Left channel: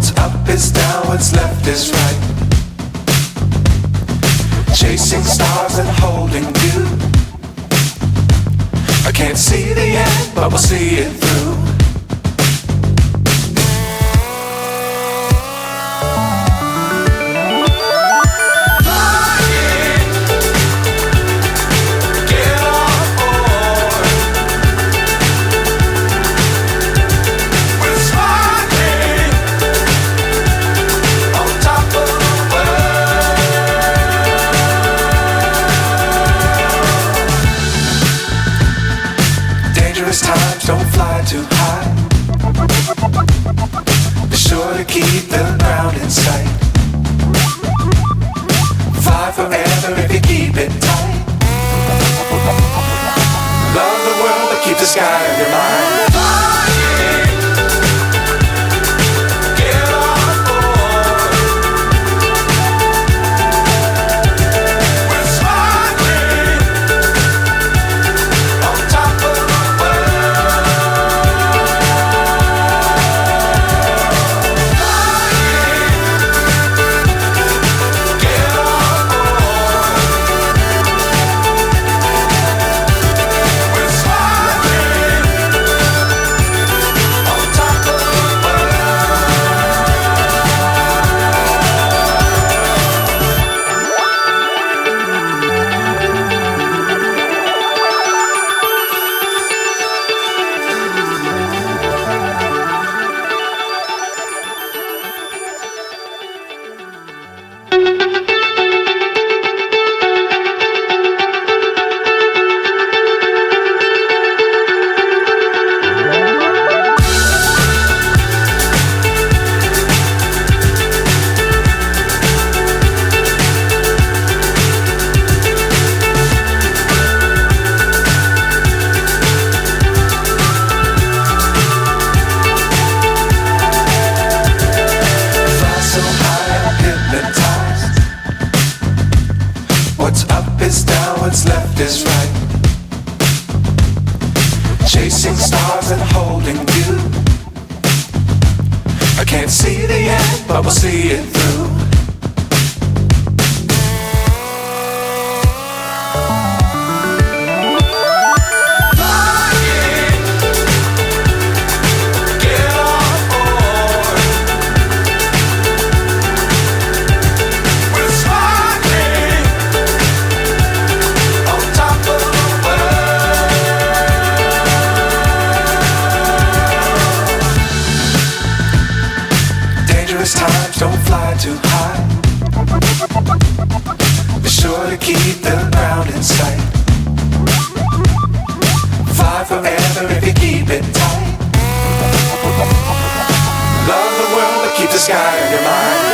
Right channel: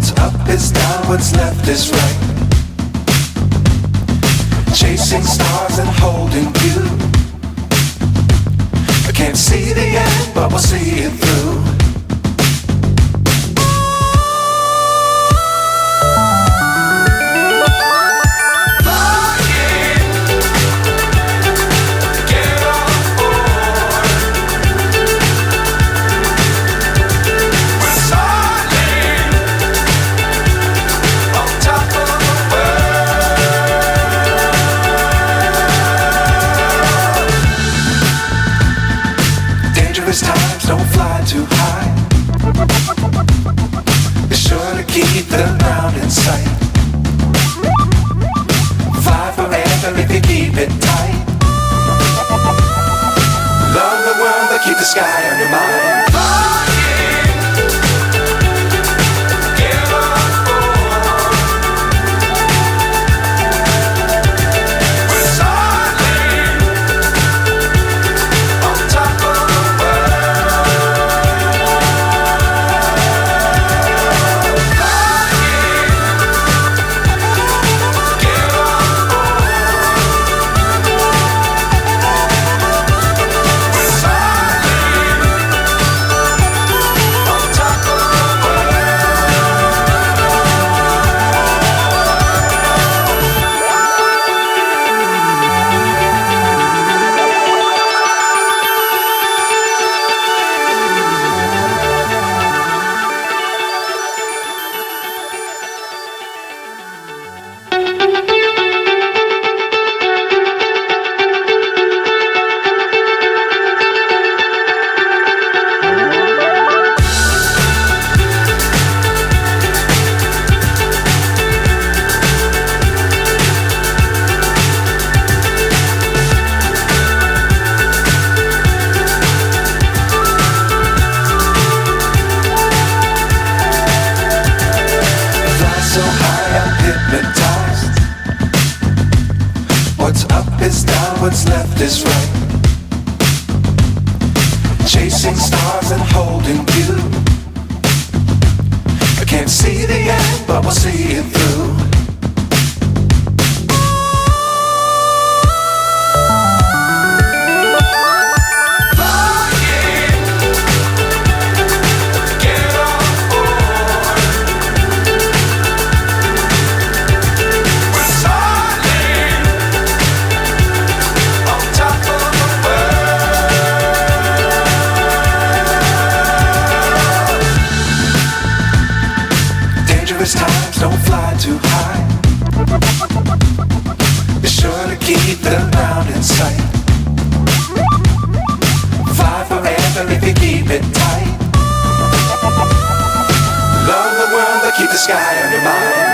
What's up is down, what's left is right. Chasing stars and holding you. I can't see the end, but we'll see it through. Times don't fly too high. Be sure to keep the ground in sight. Fly forever if you keep it tight. Love the world but keep the sky on your mind. So high I'm hypnotized. What's up is down, what's left is right. Chasing stars and holding you. I can't see the end, but we'll see it through. Times don't fly too high. Be sure to keep the ground in sight. Fly forever if you keep it tight. Love the world but keep the sky on your mind.